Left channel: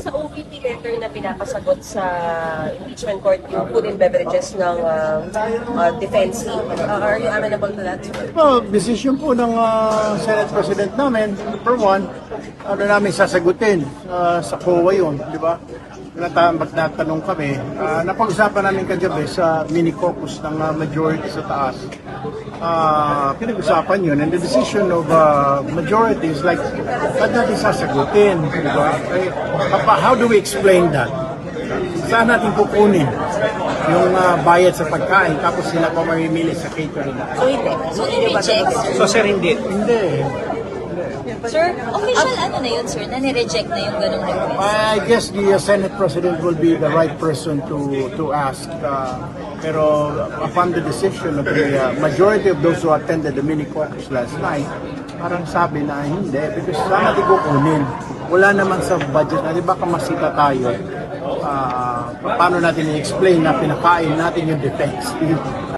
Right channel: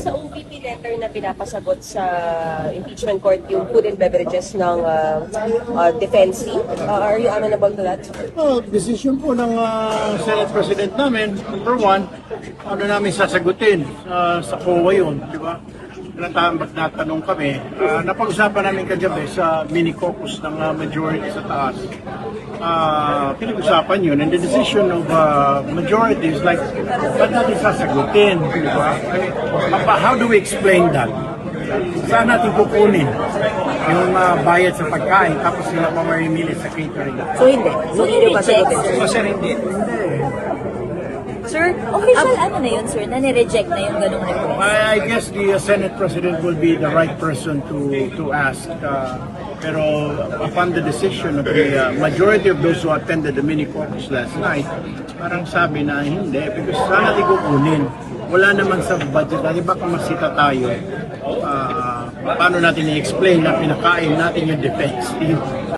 Sa OVP letter na pinapasagot sa impeachment court yung food and beverages ng defense, are you amenable to that? Well, decision po ng Senate President namin, number one, ano namin sasagutin sa COA yun, di ba? Magtatanong kami, napag-usapan namin kagabi sa mini-caucus ng majority sa taas. Pinag-usapan yun, and the decision of majority is like, ba't natin sasagutin? Di ba? How do we explain that? Saan natin kukunin yung bayad sa pagkain tapos sila pa mamimili sa catering? So hindi. So hindi yung kasagutin. So sir, hindi. Hindi. Sir, official ano na yun, sir? Nani-reject na yun? I guess the Senate President will be the right person to ask. Pero upon the decision of the majority of those who attended the mini caucus last night, parang sabi na hindi because saan natin kukunin? Wala naman sa budget natin, baka masita tayo. Paano natin i-explain na pinakain natin yung defense?